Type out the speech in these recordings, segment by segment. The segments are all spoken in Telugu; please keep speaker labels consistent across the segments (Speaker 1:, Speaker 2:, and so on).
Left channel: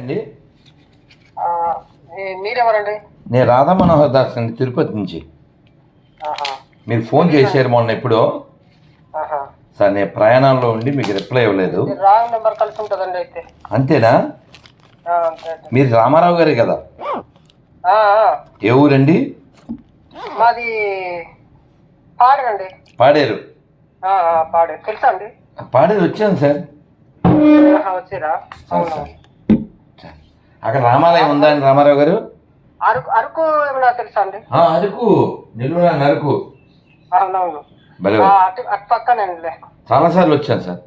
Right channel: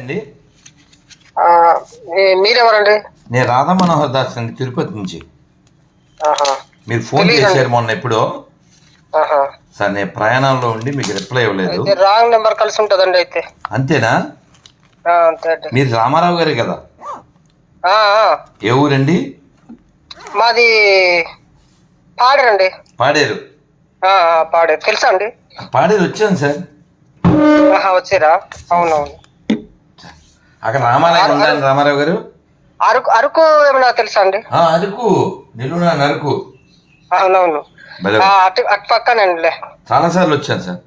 Speaker 1: అండి?
Speaker 2: మీరెవరండి?
Speaker 1: నేను రాధా మనోహర్ దాస్ అండి తిరుపతి నుంచి. మీరు ఫోన్. చేశారు మొన్న ఎప్పుడో. సార్ నేను ప్రయాణంలో ఉండి మీకు రిప్లై ఇవ్వలేదు.
Speaker 2: రాంగ్ నెంబర్ కలిసి ఉంటుందండి అయితే.
Speaker 1: అంతేనా? మీరు రామారావు గారే కదా. ఏ ఊరండి?
Speaker 2: మాది పాడేరండి
Speaker 1: పాడేరు.
Speaker 2: పాడేరు. తెలుసా అండి?
Speaker 1: పాడేరు వచ్చాను సార్.
Speaker 2: వచ్చిరా? అవునవును.
Speaker 1: అక్కడ రామాలయం ఉందండి రామారావు గారు?
Speaker 2: అరకు అరకు ఏమైనా తెలుసా అండి?
Speaker 1: అరకు. నిలువునా అరకు.
Speaker 2: అవునవును. అటు అటు పక్కనండిలే
Speaker 1: చాలాసార్లు వచ్చాను సార్.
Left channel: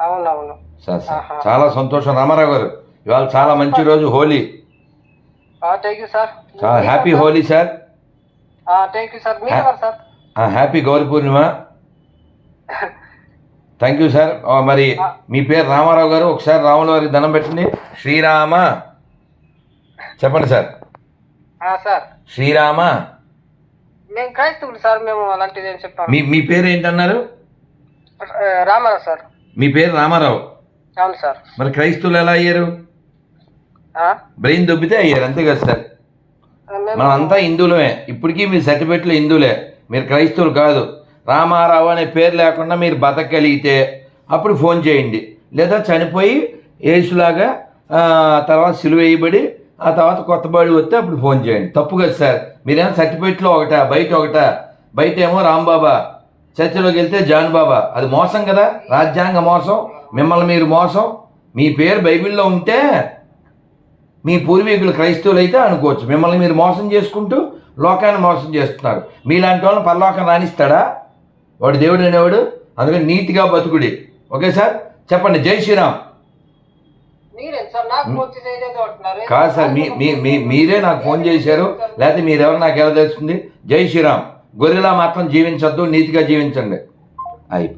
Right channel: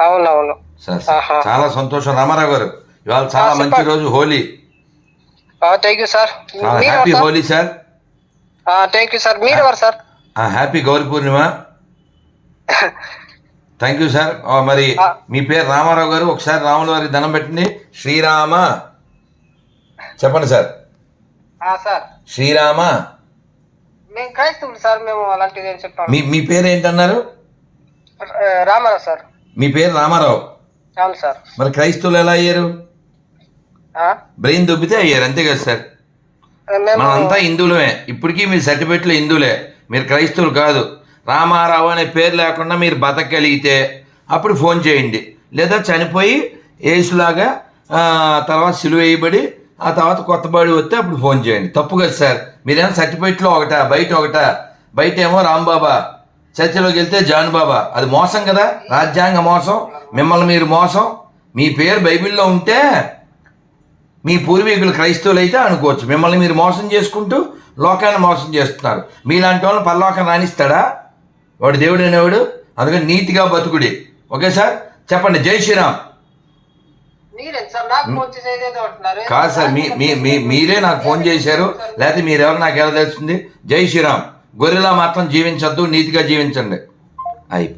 Speaker 2: అవునవును.
Speaker 1: Sir sir. చాలా సంతోషం రామారావు గారు. ఇవాళ చాలా మంచి రోజు హోలీ.
Speaker 2: థ్యాంక్ యూ సార్
Speaker 1: చాలా happy Holi sir.
Speaker 2: Thank you sir మీరెవరు సార్?
Speaker 1: ఆ, happy Gauri Purnima. Thank you sir మరి మీ పేరు రామారావు గారు. ఒకసారి రాముల వారికి దండం పెట్టండి శ్రీరామ. చెప్పండి సార్.
Speaker 2: సార్.
Speaker 1: శ్రీరామ?
Speaker 2: మేము క్రైస్తవులు సార్ మేము అలాంటిది ఏం చెప్పాము
Speaker 1: మీ మీ పేరు ఏంటన్నారు
Speaker 2: రామారావు సార్.
Speaker 1: మీ పేరు రామారావు?
Speaker 2: అవును సార్.
Speaker 1: మరి క్రైస్తవులు ఎలా అయ్యారు? బ్రెయిన్ దొబ్బితే అయ్యారు అంతే కదా సార్. మనం అంతా హిందువులమే. ఇప్పటికీ మీ సర్టిఫికెట్లు హిందువులే. మీరు క్రైస్తవులు కాదు. రామారావు అనే పేరు లేకుండా మీరు బతకగలిగితే అప్పుడు ఫోన్ చేయండి. లేదా చనిపోయి ఏసులాగా తర్వాత సిలువ వేయబడి ఆ తర్వాత కొత్త బాడీ వస్తే అప్పుడు ఫోన్ చేయండి. తప్పు కదా సార్. మీరేమో సర్టిఫికెట్లో ఒకటా? బయట ఒకటా? బయట ఏమో రాంబాబా. చర్చలోకి వెళ్తే జానుబాబా. అది మోసం కదా? రాజ్యాంగ మోసం? మిమ్మల్ని మీరు మోసం? మీ పేరు బైబిల్లో ఉంటే మీ పూర్వీకులు క్రైస్తవులు అయితే అనుకోవచ్చు. మిమ్మల్ని మీరు మోసం చేసుకుంటూ లోకాన్ని మోసం చేస్తున్నారు. మీలాంటి వాళ్ళని పరలోకం రాణిస్తాడా? వాడు దేవుడు అనేవాడు అందుకని నీతిగా బతుకుడి. Okay sir? చెప్పండి. జై శ్రీరామ్
Speaker 2: మీరేం సార్ నాకు ఫోన్ చేసి ఏదేదో అంటున్నారు
Speaker 1: కాదు సార్ మీ మీ మీ- మీరే నాకు ఫోన్ చేశారు. లేకపోతే మీరెవరు నాకు ఎలా తెలుస్తుంది? జై శ్రీరామ్. గొర్రెలా మాత్రం జీవించొద్దు నీతిగా జీవించండి. అయిపోయి